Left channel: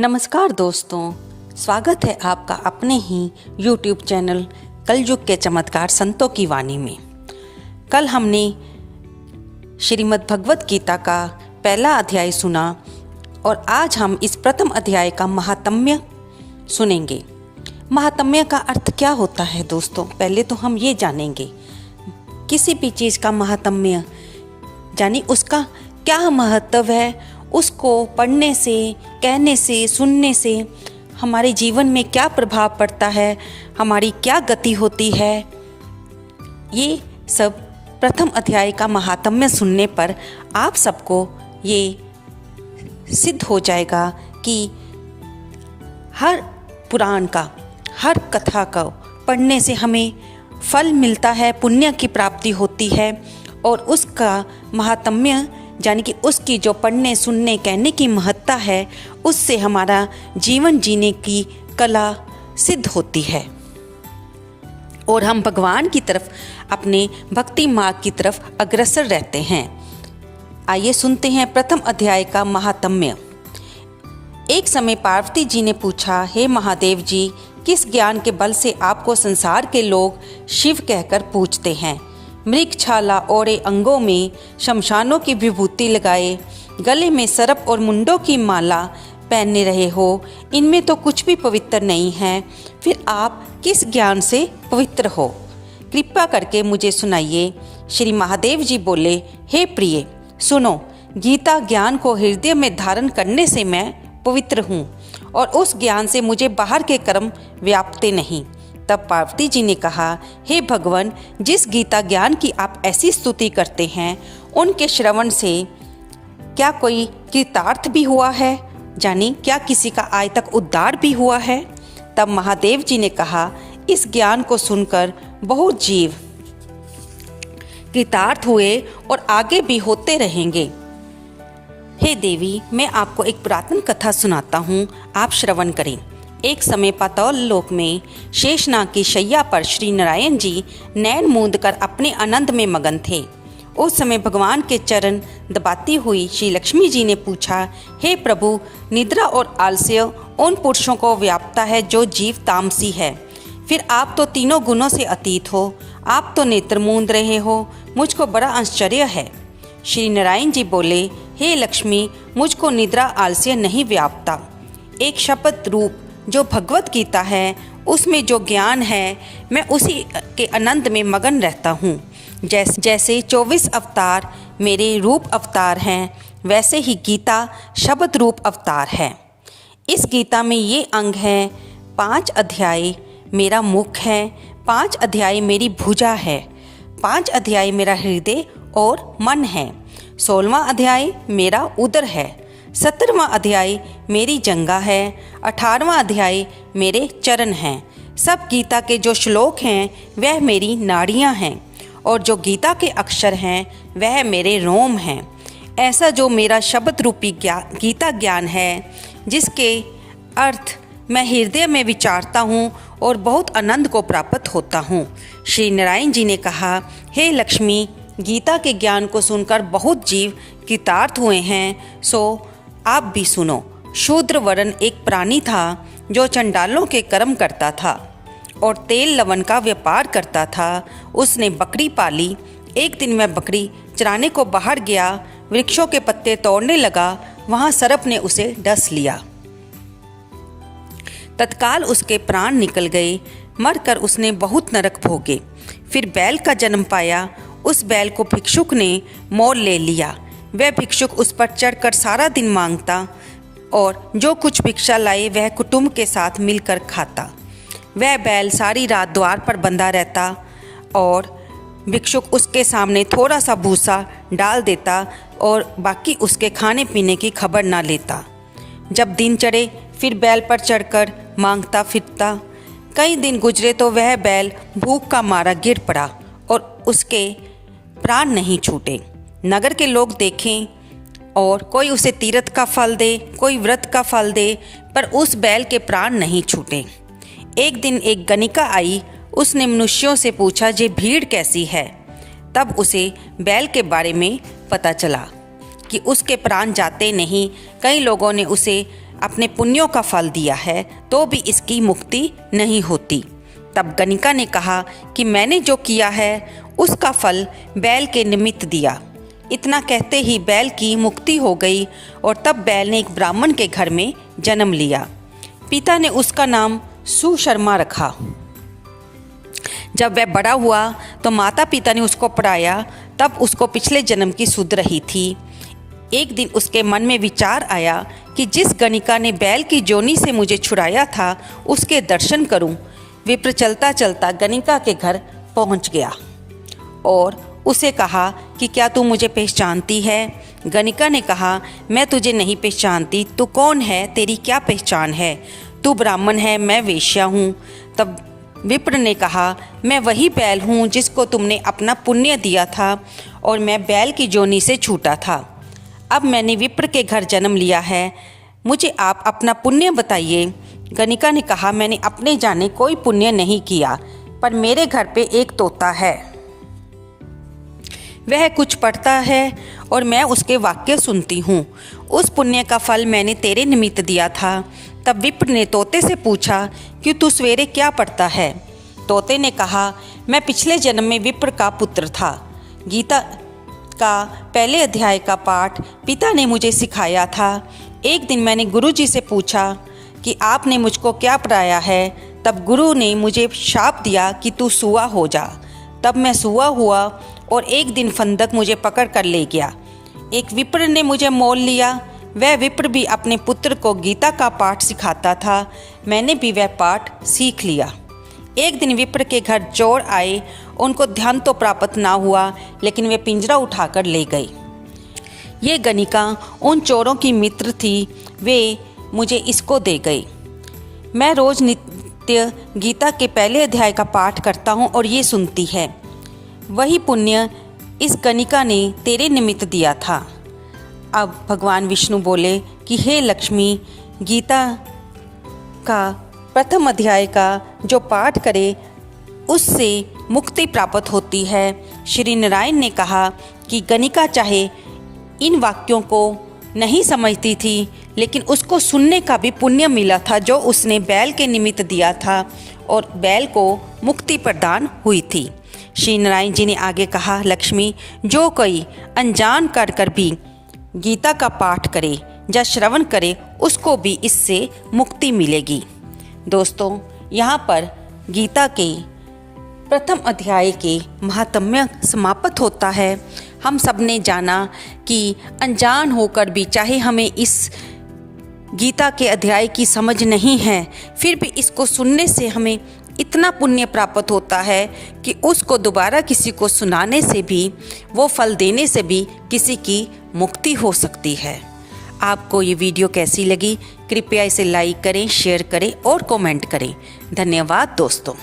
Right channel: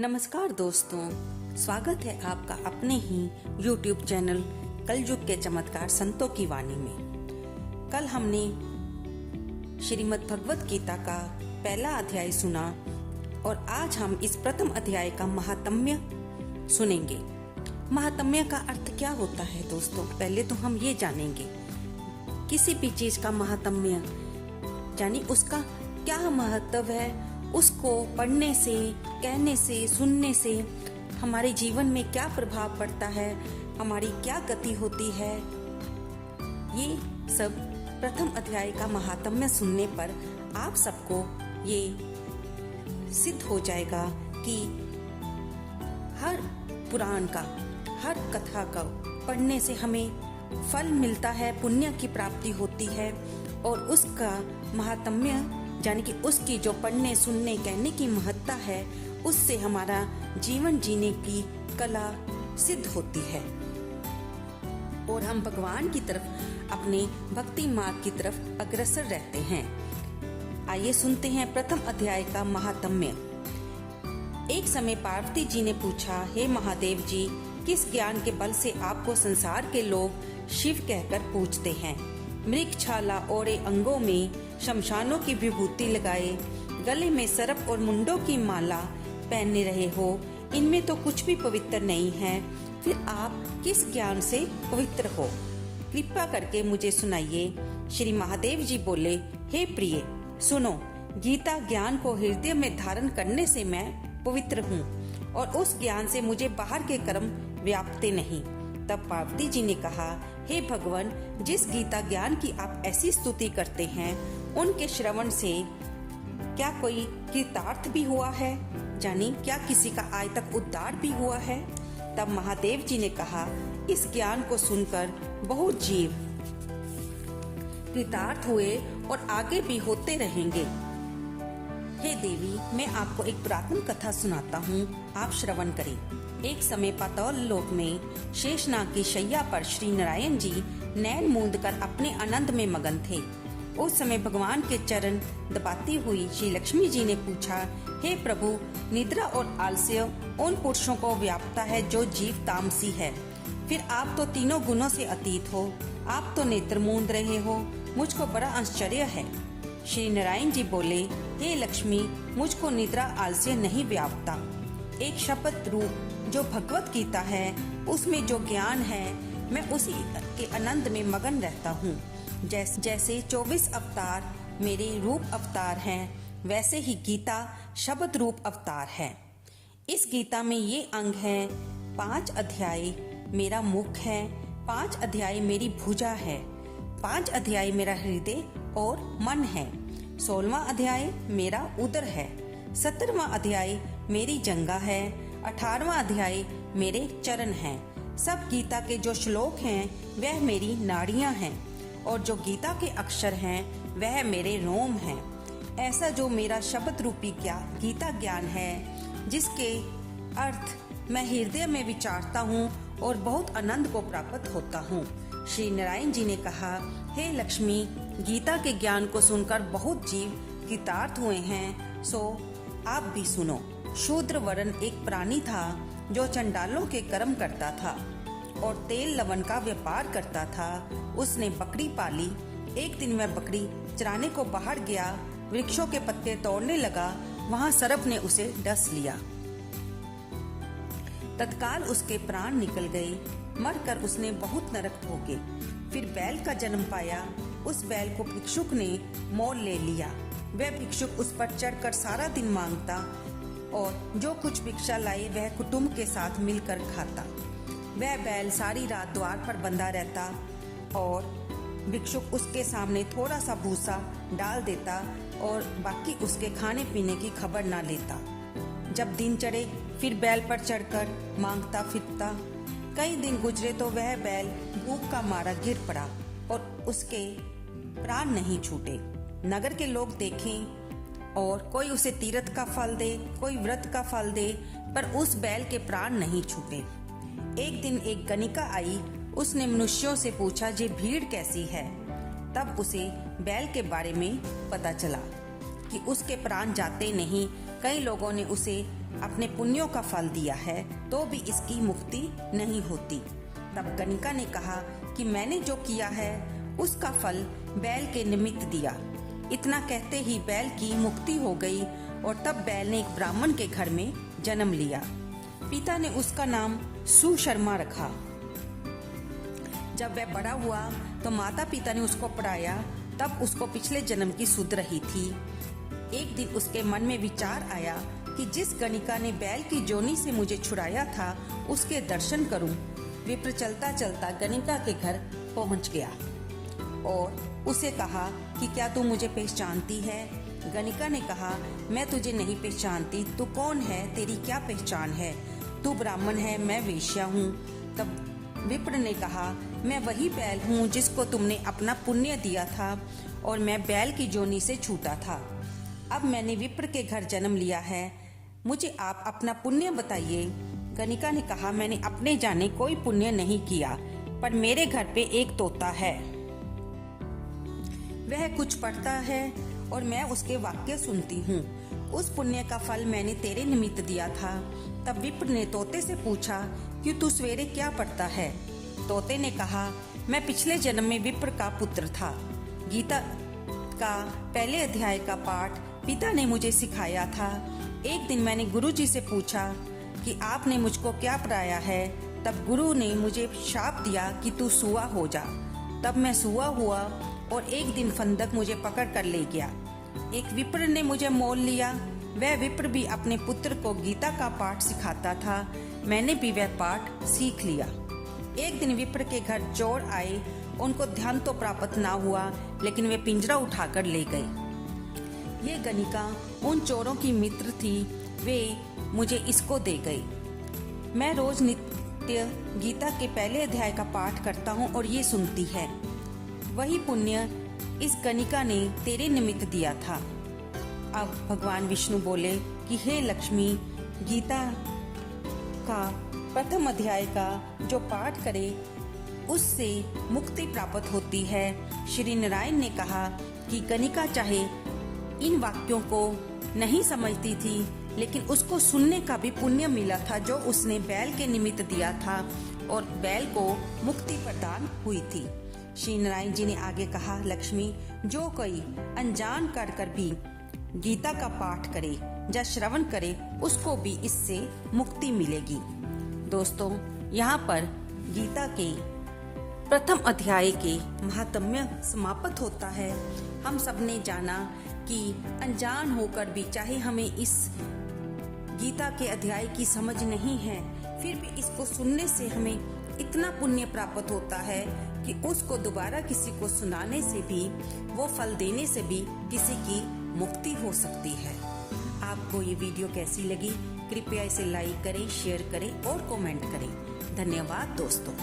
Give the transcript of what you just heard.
नमस्कार दोस्तों, स्वागत है आपका अपने ही YouTube चैनल कलयुग के चमत्कार संतों की वाणी में। कल हमने श्रीमद् भगवत गीता का पहला अध्याय सुना और आज हम इस प्रथम अध्याय का महात्म्य सुनेंगे। महात्म्य का अर्थ क्या होता है दोस्तों, पहले तो हम ये जानेंगे। किसी भी चीज़ का महात्म्य यानी उसका क्या महत्व है, उसको पढ़ने से, कहने से, सुनने से हमारे जीवन में क्या प्रभाव पड़ता है, हमारी क्या गति होती है, ये सब प्रथम अध्याय का महात्म्य सुनने पर आप सबको ये सिद्ध हो जाएगा कि हर पुराण का, हर कथा का पढ़ने से हमें फल मिलता है, पुण्य की प्राप्ति होती है और उसका महात्म्य यानी कि उसकी जो पढ़ने, सुनने, कहने की महत्ता है, उससे हमारा जीवन जीने की कला सिद्ध होती है और हम भगवान की तरफ, अपने भक्ति मार्ग की तरफ अग्रसर रहते हैं। आइए सुनते हैं प्रथम अध्याय का महात्म्य। एक समय पार्वती जी ने पूछा, हे महादेव जी, किस ज्ञान के बल से आपको संसार के लोग शिव कहकर पूछते हैं? मृग छाला ओढ़े, अंगों में शमशानों की विभूति लगाए, गले में सर्प और मुंडों की माला पहने रहे हो, इनमें तो कुछ भी पवित्र नहीं है, फिर आप किस ज्ञान से पवित्र हो? कृपा करके मुझे सुनाइए। श्री महादेव जी बोले, हे प्रिय, सुनो, गीता ज्ञान को हृदय में धारण करने से मैं पवित्र हूँ और उस ज्ञान से मुझे बाहर के कर्म व्यापते नहीं। तब पार्वती जी ने कहा, हे भगवान, जिस गीता ज्ञान की आप ऐसी स्तुति करते हैं, उनके श्रवण से क्या कोई कृतार्थ भी हुआ है? यानी क्या किसी का आज तक उद्धार भी हुआ है? तब महादेव जी ने कहा, इस ज्ञान को सुनकर बहुत जीव कृतार्थ हुए और आगे भी होते रहेंगे। हे देवी, मैं आपको एक पुरातन कथा सुनाता हूँ, आप श्रवण करें। एक समय पाताल लोक में शेषनाग की शैया पर श्री नारायण जी नैन मूंद कर अपने आनंद में मगन थे। उस समय भगवान के चरण दबाती हुई श्री लक्ष्मी जी ने पूछा, हे प्रभु, निद्रा और आलस्य उन पुरुषों को व्यापता है जो जीव तामसी है, फिर आप तो तीनों गुणों से अतीत हो, आप तो नेत्र मूंद रहे हो, मुझको बड़ा आश्चर्य है। श्री नारायण जी बोले, हे लक्ष्मी, मुझको निद्रा आलस्य नहीं व्यापता। एक शपथ रूप जो भगवत गीता है, उसमें जो ज्ञान है, मैं उसी के आनंद में मगन रहता हूँ। जैसे 24 अवतार मेरे रूप अवतार हैं, वैसे ही गीता शब्द रूप अवतार है। इस गीता में ये अंग हैं, 5 अध्याय मेरा मुख है, 5 अध्याय मेरी भुजा है, 5 अध्याय मेरा हृदय और मन है, 16वां अध्याय मेरा उदर है, 17वां अध्याय मेरी जंगा है, 18वां अध्याय मेरे चरण हैं। सब गीता के जो श्लोक हैं वह मेरी नाड़ियां हैं और जो गीता के अक्षर हैं वह मेरे रोम हैं। ऐसा जो मेरा शब्द रूपी गीता ज्ञान है, जिसके अर्थ मैं हृदय में विचारता हूँ और बहुत आनंद को प्राप्त होता हूँ। श्री नारायण जी ने कहा, हे लक्ष्मी, गीता के ज्ञान को सुनकर बहुत जीव कृतार्थ हुए हैं, सो आप भी सुनो। शूद्र वर्ण एक प्राणी था जो चंडालों के कर्म करता था और तेल लवण का व्यापार करता था। उसने बकरी पाली। एक दिन वह बकरी चराने को बाहर गया, वृक्षों के पत्ते तोड़ने लगा, वहां सर्प ने उसे डस लिया। तत्काल उसके प्राण निकल गए, मरकर उसने बहुत नरक भोगे। फिर बैल का जन्म पाया। उस बैल को भिक्षुक ने मोल ले लिया। वह भिक्षुक उस पर चढ़कर सारा दिन मांगता और जो कुछ भिक्षा लाए वह कुटुंब के साथ मिलकर खाता। वह बैल सारी रात द्वार पर बंधा रहता और भिक्षुक उसके सामने थोड़ा सा भूसा डाल देता और बाकी उसके खाने पीने की खबर ना लेता। जब दिन चढ़े फिर बैल पर चढ़कर मांगता फिरता। कई दिन गुजरे तो वह बैल भूख का मारा गिर पड़ा और उसके प्राण नहीं छूटे। नगर के लोग देखें और कोई उसे तीर्थ का फल दे, कोई व्रत का फल दे, पर उस बैल के प्राण नहीं छूटे। एक दिन एक गणिका आई। उसने मनुष्यों से पूछा, ये भीड़ कैसी है? तब उसे बैल के बारे में पता चला कि उसके प्राण जाते नहीं। कई लोगों ने उसे अपने पुण्यों का फल दिया है तो भी इसकी मुक्ति नहीं होती। तब गणिका ने कहा कि मैंने जो किया है उसका फल बैल के निमित्त दिया। इतना कहते ही बैल की मुक्ति हो गई और तब बैल ने एक ब्राह्मण के घर में जन्म लिया। पिता ने उसका नाम सुशर्मा रखा। जब वह बड़ा हुआ तो माता पिता ने उसको पढ़ाया। तब उसको पिछले जन्म की सुध रही थी। एक दिन उसके मन में विचार आया कि जिस गणिका ने बैल की जोनी से मुझे छुड़ाया था उसके दर्शन करूं। विप्र चलता चलता गणिका के घर पहुंच गया और उसे कहा कि क्या तू मुझे पहचानती है? गणिका ने कहा, मैं तुझे नहीं पहचानती। तू कौन है? तेरी क्या पहचान है? तू ब्राह्मण है, मैं वेश्या हूँ। तब विप्र ने कहा, मैं वही बैल हूँ जिसको तुमने अपना पुण्य दिया था और मैं बैल की जोनी से छूटा था। अब मैंने विप्र के घर जन्म लिया है, मुझे आप अपना पुण्य बताइए। गणिका ने कहा, मैंने अपने जाने कोई पुण्य नहीं किया, पर मेरे घर पे एक तोता है, वह कुछ पढ़ता है और मैं उसके वाक्य सुनती हूँ। उस पुण्य का फल मैंने तेरे निमित्त दिया था। तब विप्र ने तोते से पूछा कि तू सवेरे क्या पढ़ता है? तोते ने कहा, मैं पिछले जन्म में विप्र का पुत्र था। गीता का पहले अध्याय का पाठ पिता ने मुझे सिखाया था। एक दिन मैंने गुरुजी से पूछा कि आपने मुझको क्या पढ़ाया है? तब गुरु ने मुझे शाप दिया कि तू सुआ हो जा। तब मैं सुआ हुआ और एक दिन फंदक मुझे पकड़ कर ले गया। एक विप्र ने मुझे मोल लिया। वह विप्र भी अपने पुत्र को गीता का पाठ सिखाता था। मैंने भी वह पाठ सीख लिया। एक दिन विप्र के घर चोर आए। उनको ध्यान तो प्राप्त ना हुआ, लेकिन वे पिंजरा उठाकर ले गए। ये गणिका उन चोरों की मित्र थी। वे मुझे इसको दे गई। मैं रोज नित्य गीता के पहले अध्याय का पाठ करता हूँ और ये सुनती है। वही पुण्य इस गणिका ने तेरे निमित्त दिया था। अब भगवान विष्णु बोले कि हे लक्ष्मी, गीता का प्रथम अध्याय का जो पाठ करे उससे मुक्ति प्राप्त होती है। श्री नारायण ने कहा कि गणिका चाहे इन वाक्यों को नहीं समझती थी, लेकिन उसको सुनने का भी पुण्य मिला था जो उसने बैल के निमित्त दिया था और बैल को मुक्ति प्रदान हुई थी। श्री नारायण जी ने आगे कहा, लक्ष्मी, जो कोई अनजान कर भी गीता का पाठ करे या श्रवण करे उसको भी इससे मुक्ति मिलेगी। दोस्तों, यहाँ पर गीता के प्रथम अध्याय के महात्म्य समाप्त होता है। हम सब ने जाना कि अनजान होकर भी, चाहे हमें इस गीता के अध्याय की समझ नहीं है, फिर भी इसको सुनने से हमें इतना पुण्य प्राप्त होता है कि उसको दोबारा किसी को सुनाने से भी, वो फल देने से भी किसी की मुक्ति हो सकती है। आपको ये वीडियो कैसी लगी? कृपया इसे लाइक करें, शेयर करें और कमेंट करें। धन्यवाद दोस्तों।